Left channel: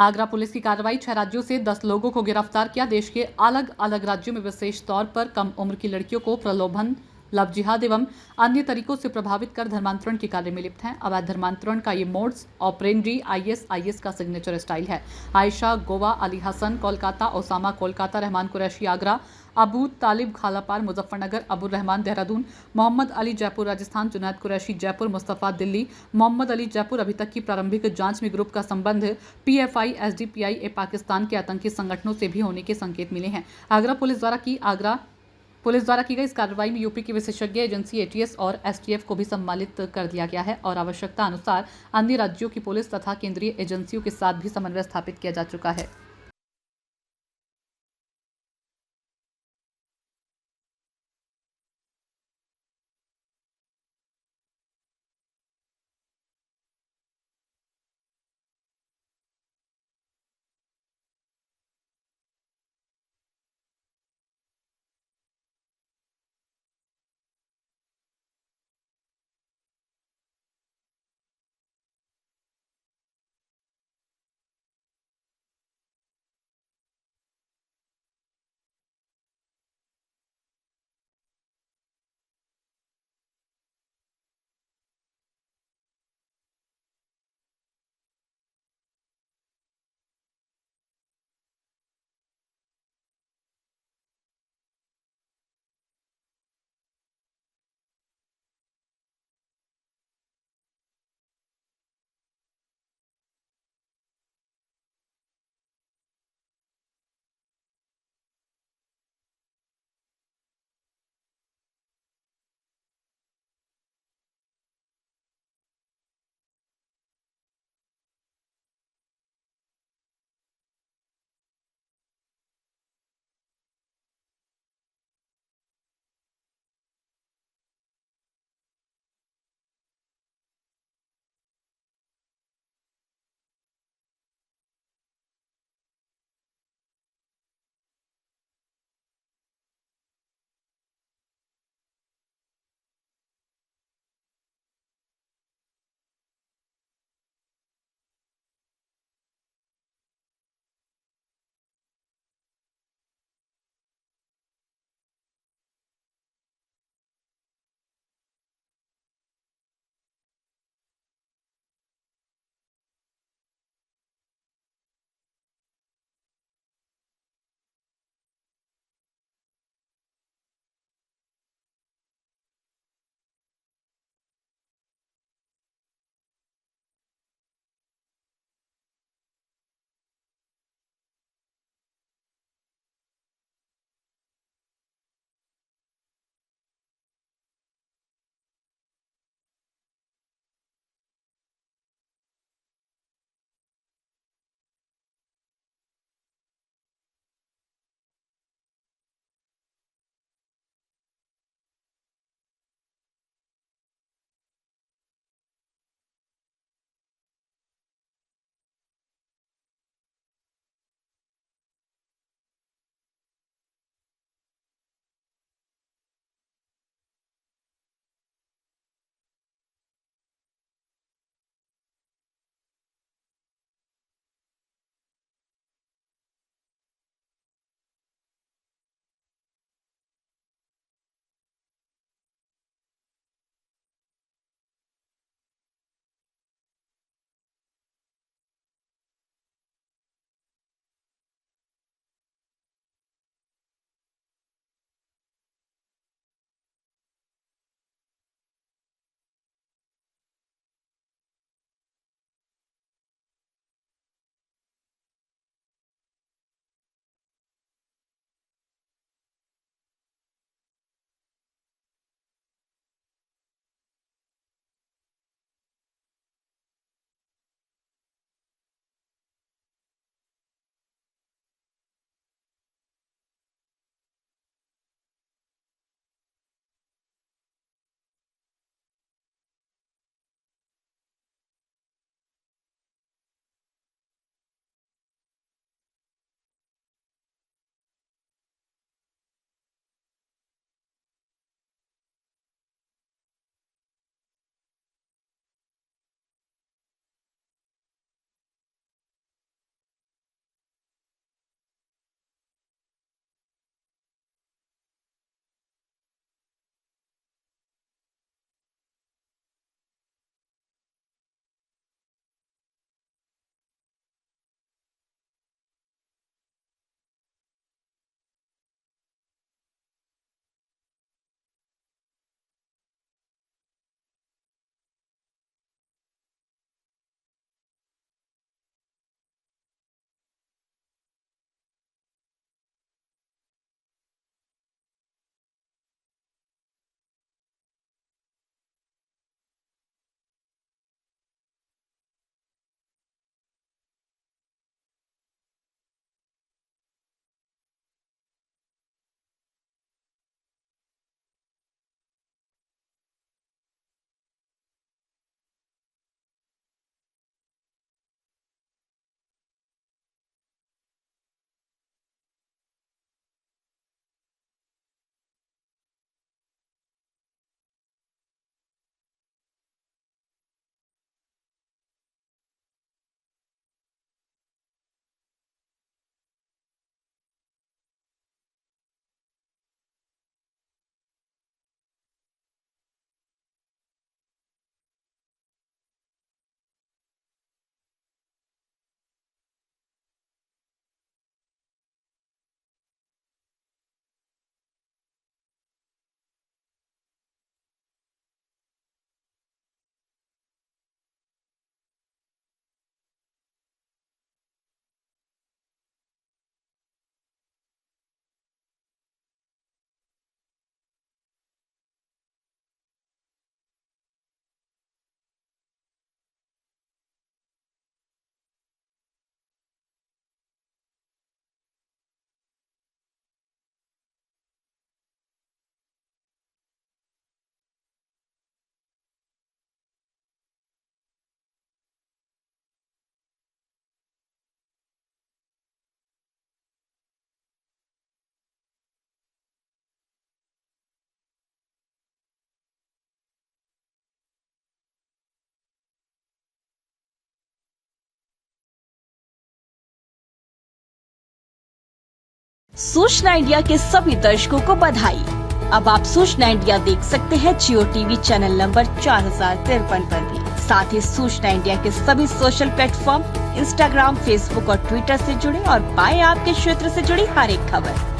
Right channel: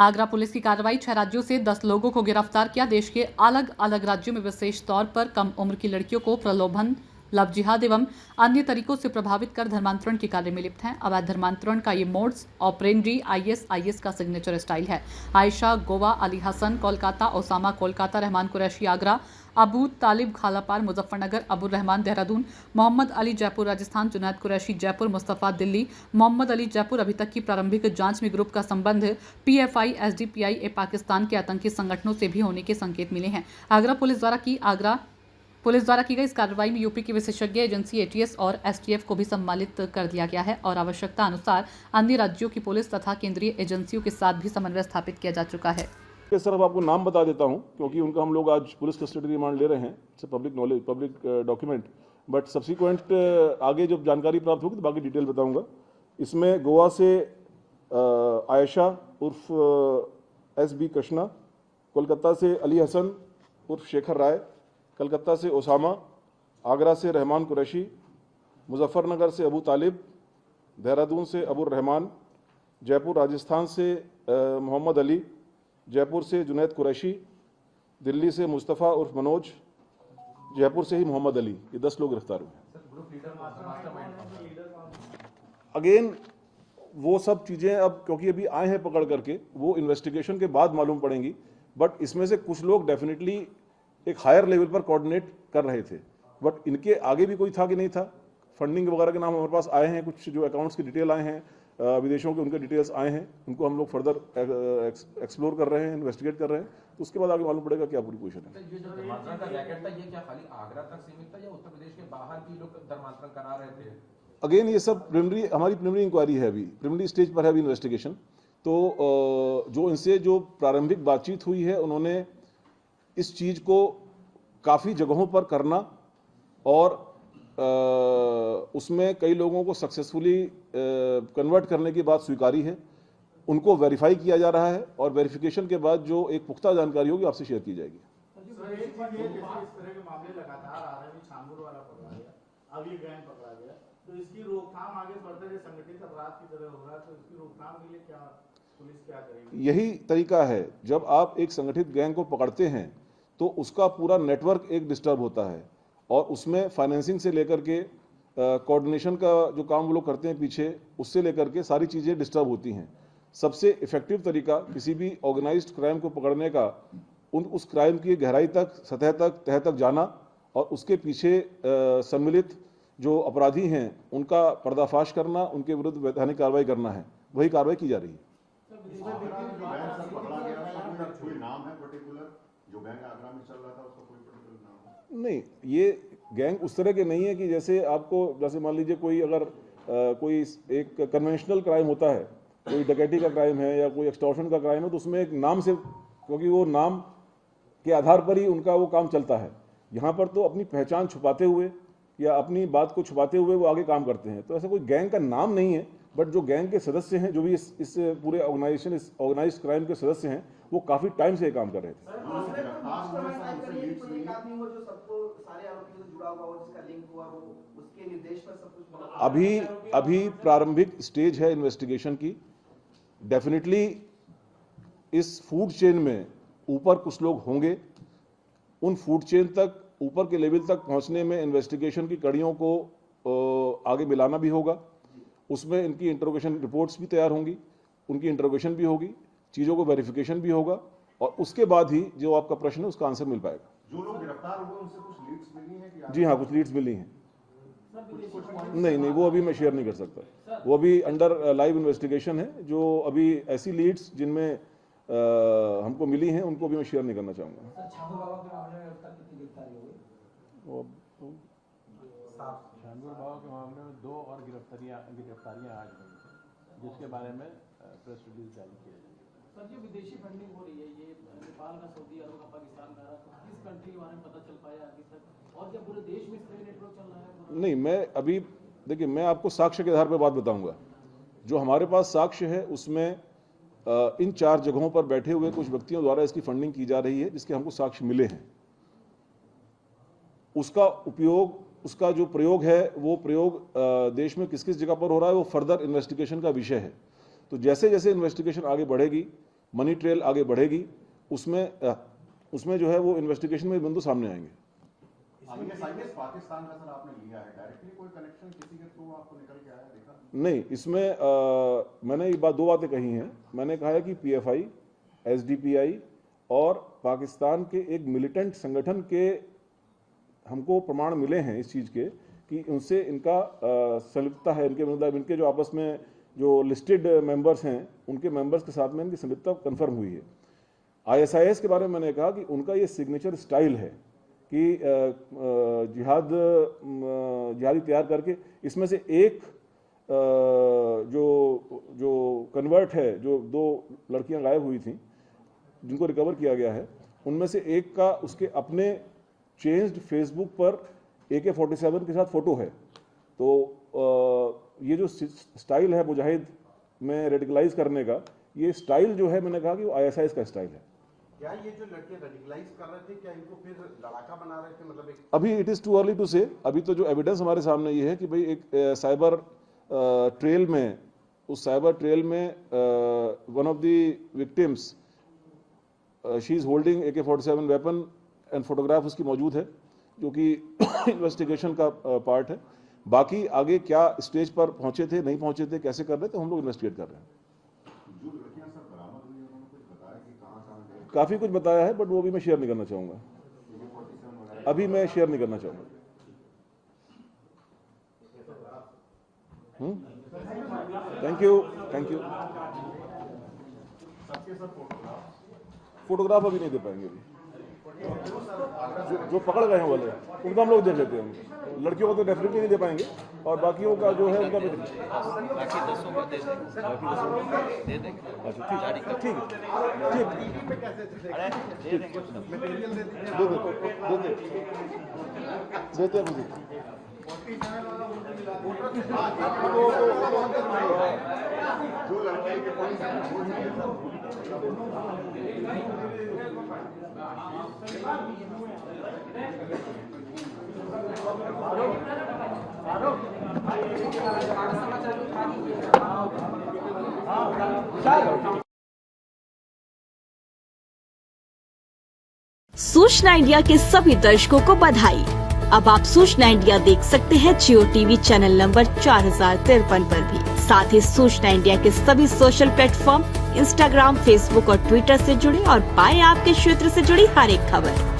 Agra police की कार्रवाई 6 राज्यों से 10 लोगों को गिरफ्तार किया। देश के अलग अलग राज्यों में विशेष तौर पर कम उम्र की लड़कियों को प्रलोभन, लव जिहाद एवं अन्य तरीकों से प्रभावित कर धर्मांतरण के कार्य में लिप्त हैं। अवैध धर्मांतरण का ये मोड्स ऑपरेंडी आईएसआईएस का सिग्नेचर स्टाइल है। आयशा गोवा, अली हसन कोलकाता, ओसामा कोलकाता, रहमान कुरैशी आगरा, अबू तालिब खालापार मुजफ्फरनगर, अबुर रहमान देहरादून, मोहम्मद अली जयपुर राजस्थान, जुनैद कुरैशी जयपुर, मुस्तफ़ा दिल्ली, मोहम्मद अली जयपुर। अभी तक की प्रारंभिक जांच में ग्रुप का संबंध पीएफआई एसडीपीआई पाकिस्तान के आतंकी संगठनों से भी होने के संकेत मिले हैं। आगरा पुलिस द्वारा की गई इस कार्रवाई में यूपी की विशेषज्ञ एजेंसी एटीएस और एसटीएफ को भी सम्मानित कर दिया गया है और आवश्यकता अनुसार अन्य राज्यों की पुलिस तथा केंद्रीय एजेंसियों के साथ भी समन्वय स्थापित किया जा चुका है। सर अब आपको नाम बता देता हूं क्योंकि उनका हम लोग आज पुलिस कस्टडी रिमांड ले रहे हैं। It's public knowledge, public document, but subsequent आगे जब जानकारी प्राप्त होगी तो बाकी डिटेल बताऊंगा। इसमें गोवा से आयशा उर्फ एसबी कृष्णा, कोलकाता से अली हसन उर्फ शेखर राय, कलकत्ता से ओसामा, आगरा से रहमान कुरैशी, मुजफ्फरनगर से अबू तालिब, देहरादून से अबुर रहमान, जयपुर राजस्थान से मोहम्मद अली, जयपुर से जुनैद कुरैशी, दिल्ली से मुस्तफ़ा उर्फ मनोज, जयपुर से ही मोहम्मद अली। ये 10 लोग गिरफ्तार हुए। अगेन वो सब चीज़ें अब क्योंकि अभी आए हैं पकड़ करके, वो इन्वेस्टिगेशन के बाद मालूम पड़ेंगी, बट इसमें से कुछ लोग डेफिनेटली एक हायर लेवल पर कोऑर्डिनेट कर रहे थे, बट इनके आगे भी कोई था कि नहीं था। फंडिंग वगैरह के नाम हमारे पास आए हैं, कुछ जो अकाउंट्स की डिटेल आए हैं, विदेशों के उनके डिटेल्स आए हैं, उनको हम लोग फर्दर एक्सप्लोर कर रहे हैं, इन्वेस्टिगेट कर रहे हैं, तो उसके बाद आगे मालूम पड़ेगा क्या पूरी पोजीशन है। ये जो धर्मांतरण का रैकेट था, ये क्या खाली आगरा तक सीमित था या उत्तर प्रदेश के बाहर भी लोग धर्मांतरण करा रहे थे? अगेन ये सब हमारी प्रिलिमिनरी इंक्वायरी है, अभी प्रिलिमिनरी स्टेज पर है अभी इन्वेस्टिगेशन। तो जो इनसे जो प्रारंभिक बातचीत हुई है, उन्होंने इस चीज़ को काफ़ी जगहों पर करना और उसमें कई लोगों को सक्सेसफुली कन्वर्ट करने की बात स्वीकारी है। उनको वेरीफाई किया जा रहा है और वेरिफिकेशन के बाद जो एक पुख्ता जानकारी होगी आपसे शेयर की जाएगी। अब ये गैंग पकड़ा गया, तो इसकी रोकथाम आगे बढ़ते हुए संगठित अपराध की तरह होगा, तो इसकी रोकथाम के लिए क्या पुलिस क्या करेगी? यही तरीका है, जब आप एक संगठित गैंग को पकड़ते हैं तो उसका पूरा नेटवर्क एक डिस्टर्ब होता है और उसमें फाइनेंसिंग से लेकर के कोऑर्डिनेशन का जो काम वो लोग करते हैं पीछे, उससे लेकर के सारी चीज़ें डिस्टर्ब होती हैं। सबसे इफेक्टिव तरीका किसी भी ऑर्गेनाइज्ड क्राइम को पकड़ने का उस क्राइम की गहराई तक, सतह तक, तह तक जाना और उसके पीछे सम्मिलित जो अपराधी हैं उनका पर्दाफाश करना, उनके विरुद्ध वैधानिक कार्रवाई करना है। वही कार्रवाई की जा रही है। नहीं, ये गैंग उस तरह के नहीं है कि जैसे मान लीजिए कोई अगर कोई एक कन्वेंशनल क्राइम होता है, कोई डकैती का क्राइम है या कोई एक्सटॉर्शन का क्राइम है, तो उसमें एक नाम से, क्योंकि वो नाम के आधार पर ही उनका वो काम चलता है। यहाँ पर तो अपनी पहचान छुपाते हुए या अपनी बात को छुपाते हुए वो आगे काम करते हैं। तो ऐसा कोई गैंग का नाम नहीं है, बट जो गैंग के सदस्य हैं, जो भी इस पूरे ऑर्गेनाइजेशन, इस ऑर्गेनाइज्ड क्राइम के सदस्य हैं, वो काफ़ी टाइम से ये काम कर रहे थे। अभी प्रारंभिक स्टेज है इन्वेस्टिगेशन की। डेफिनेटली इस फूड चेन में ऊपर कुछ लोग होंगे। उन फूड चेन तक, ऊपर के लेवल तक पहुंचने में इन्वेस्टिगेशन की कड़ियों को आगे मिलाना भी होगा। उसमें इनकी इंटरोगेशन रिपोर्ट्स भी तैयार होंगी, उनकी इंटरोगेशन भी होगी, चीज़ों को वेरिफिकेशन भी होगा और उसके बाद ही जो आपका प्रश्न है उसका आंसर मिल पाएगा। जो लोग गिरफ्तार हुए उनसे कुछ लीड्स मिली हैं कि? जी हाँ, कुछ लीड्स मिली हैं। नहीं, वो अभी मैं शेयर नहीं कर सकता। वो अभी अंडर लाइव इन्वेस्टिगेशन है। जो अभी ऐसी लीड्स जिनमें हमको मिली हैं उनको भी मैं शेयर नहीं करना चाहूँगा। शानूर बाबा के मामले में 2 और गिरफ्तारियां आज हुई हैं, जिसके बारे में प्रेस रिलीज जारी किया जाएगा। सर, ये विदेशी फंडिंग हो रही है, ये नेपाल का, सऊदी अरब का, पाकिस्तान का, किस कंट्री के बारे में पता चल पाया अभी तक, और क्या पूरे देश में इस तरह नेटवर्क चल रहा है? नहीं, मैं अभी देखिए, मैं आपको साक्ष्य के आधार पर बात बताऊंगा। जो हमारे पास साक्ष्य है उसमें इन 4 जगहों पर बैठे हुए कुछ व्यक्तियों द्वारा इसकी फंडिंग की जा रही है, जिसके हमको साक्ष्य मिले हैं। उसका जो प्रयोग है, वो प्रयोग देश में किस किस जगह पर हो रहा है, वो फर्दर इन्वेस्टिगेशन का विषय है। तो जैसे जैसे इन्वेस्टिगेशन आगे बढ़ेगी मनी ट्रेल आगे बढ़ेगी, उसमें जो है वो इन्वेस्टिगेशन में बिंदु सामने आएंगे। पाकिस्तान का सर आपने लिया है डायरेक्टली, कोई कनेक्शन किसी के थ्रू आपको निकल के आया देखा? नहीं, इसमें मैंने ये दो बातें कही हैं। मैंने कहा है कि पीएफआई, एसडीपीआई और पाकिस्तान के एक मिलिटेंट संगठन के हमको प्रमाण मिले हैं इस चीज़ के कि उनसे इनका संलिप्तता है, इनके मतलब इनके जो आपस में जो लिस्टेड मेंबर्स हैं उनके मेंबर्स के साथ में इनकी संलिप्तता कंफर्म हुई है। आईएसआईएस के बारे में मैंने कहा कि उनका ये सिग्नेचर स्टाइल है कि जिहादी तैयार करके इसमें से एक जो कन्वर्ट है, जो 2 लड़कियां गायब हुई थी जिनको रिकवर किया गया है, उनमें से एक का उसके अपने चेंज्ड फेसबुक पर AK-47 के साथ फोटो है। तो ये जो स्टाइल है मुजाहिद में रेडिकलाइज करने का, ये स्टाइल जो है मैंने कहा कि वो ISIS का स्टाइल है। क्या ये जो लड़के रेडिकलाइज कर रहे थे, क्या इनको फिर लड़ाका बना रहे थे? मतलब एक अभी it is too early to say. अभी तो जो एविडेंस हमारे सामने ये है कि भाई एक साइबर ट्रेल में, उस साइबर ट्रेल में one of the victims she is holding AK-47 weapon and photograph उसकी मौजूद है, जो कि इन्वेस्टिगेशन का पार्ट है। बाकी आगे क्या स्टेज पर पहुंचे थे, नहीं पहुंचे थे, कैसे कर रहे थे, हम लोग इन्वेस्टिगेट कर रहे हैं। काफ़ी कुछ बताया है, बट वो भी मैं शेयर नहीं करना चाहूँगा, अभी मैं शेयर नहीं करना चाहूँगा। Thank you. फोटोग्राफ अभी नहीं दे पाएंगे। अभी जो पकड़ गए हैं वाले उनका हम लोग देख लेते हैं। लड़कियों को तो डेफिनेटली नहीं दे पाएंगे, और बाकियों का जो है उनका भी बाकी 10 को दे देंगे। अच्छा ठीक देते हैं मुझे। सूचना इंडिया के सभी दर्शकों को बधाई। अब आप सूचना इंडिया देख सकते हैं जियो टीवी चैनल नंबर 4053 पर भी। साथ ही सूचना इंडिया के सभी सोशल प्लेटफॉर्म इंस्टाग्राम, फेसबुक और ट्विटर से जुड़े और पाएं आपके क्षेत्र से जुड़ी हर एक खबर।